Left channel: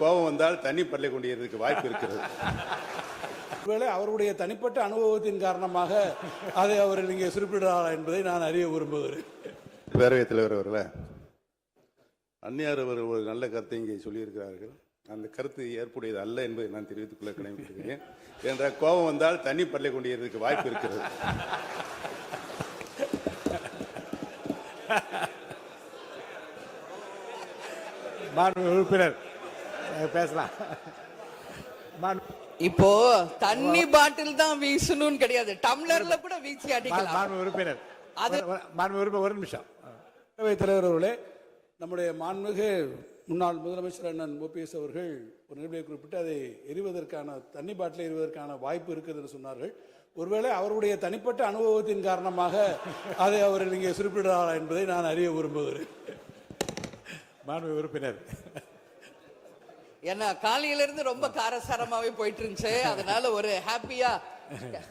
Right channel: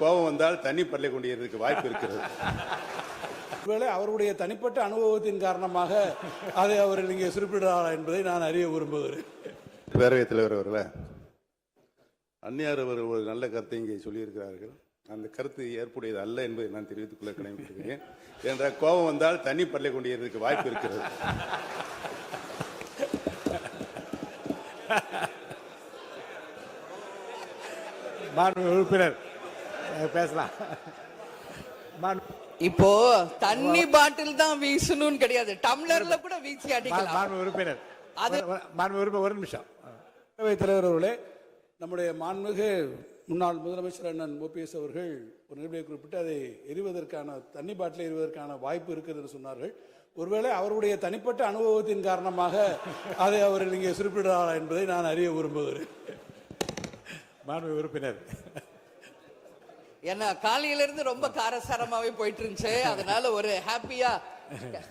கோபம் வந்தால் தண்ணி பள்ளி கொண்டிருக்க வாய்ப்பு இருக்கிறது. ஒருவேளை அவருடைய தனிப்பட்ட அனுபவத்தின் காரணமாக அதை அவர் இங்கே குறிப்பிடுறாரா என்பதை நான் அறிய விரும்புகிறேன். பேரவைத் தலைவர் அவர்களே, அந்நியார் அவர்கள் ஒரு நல்ல கருத்தை இங்கே சொல்லியிருக்கிறார்கள். அந்த கருத்து ஏற்புடையது அல்ல என்பதை நான் தெரிவித்துக் கொள்ள கடமைப்பட்டிருக்கிறேன். என்ற கோபம் வந்தால் தண்ணி பள்ளி கொண்டிருக்க வாய்ப்பு இருக்கிறது. உறுப்பினர் பேசலாம். இப்போ தண்ணி பாட்டில் தான் வீசணும்னு கிடையாது, டம்ளர்ல கூட வீசி அடிக்கலாம். உறுப்பினர் ஒரு நிமிஷம். தலைவர் அவர்களே, நம்முடைய மாண்புமிகு முன்னாள் முதலமைச்சர் அண்ணன் ஓபிஎஸ் அவர்கள் ஒரு நிலையை குறிப்பிட்டு அதை எரிவதற்கான தண்ணி பாட்டிலை எரிவதற்கான வாய்ப்பு இருக்கிறது என்று சொன்னார்கள். ஒருவேளை அவருடைய தனிப்பட்ட அனுபவத்தின் காரணமாக அதை அவர் இங்கே குறிப்பிடுறாரா என்பதை நான் அறிய விரும்புகிறேன். மாண்புமிகு உறுப்பினர். ஏன்னா காலையில இருந்து ரொம்ப காரசாரமாவே போயிட்டு இருந்துச்சு, அதனால ஒரு ஹாப்பியா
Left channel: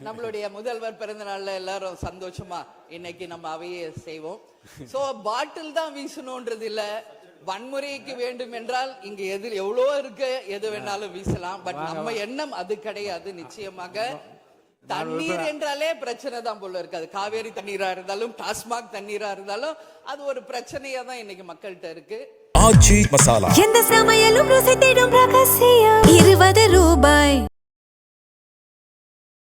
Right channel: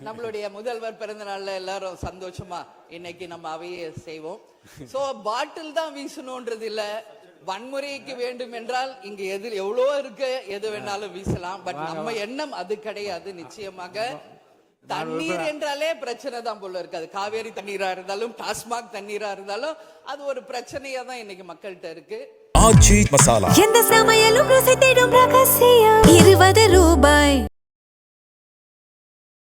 நம்மளுடைய முதல்வர் பிறந்த நாள்ல எல்லாரும் சந்தோஷமா இன்னைக்கு நம்ம அவையை செய்வோம். சோ பாட்டில் தான் வீசணும்ன்றது இல்ல, வன்முறைக்கு வேண்டும் என்றால் இங்க எதில் எவ்வளவோ இருக்கு, எது வேணாலும் வீசலாம். பட் நம்ம எண்ணம் அது கிடையாது. நிச்சயமாக தண்ணீர் என்றாலே பிரச்சனை தான் போல இருக்கு. அது காவேரி தண்ணீரா இருந்தாலும் டாஸ்மாக் தண்ணீரா இருந்தாலும் அது ஒரு பிரச்சனையா தான் இன்னைக்கு மக்கள்கிட்ட இருக்கு. ஆச்சி மசாலா, எந்த சமையலும் ருசி தேடும் ரகசியம் 20 ரூபாய்.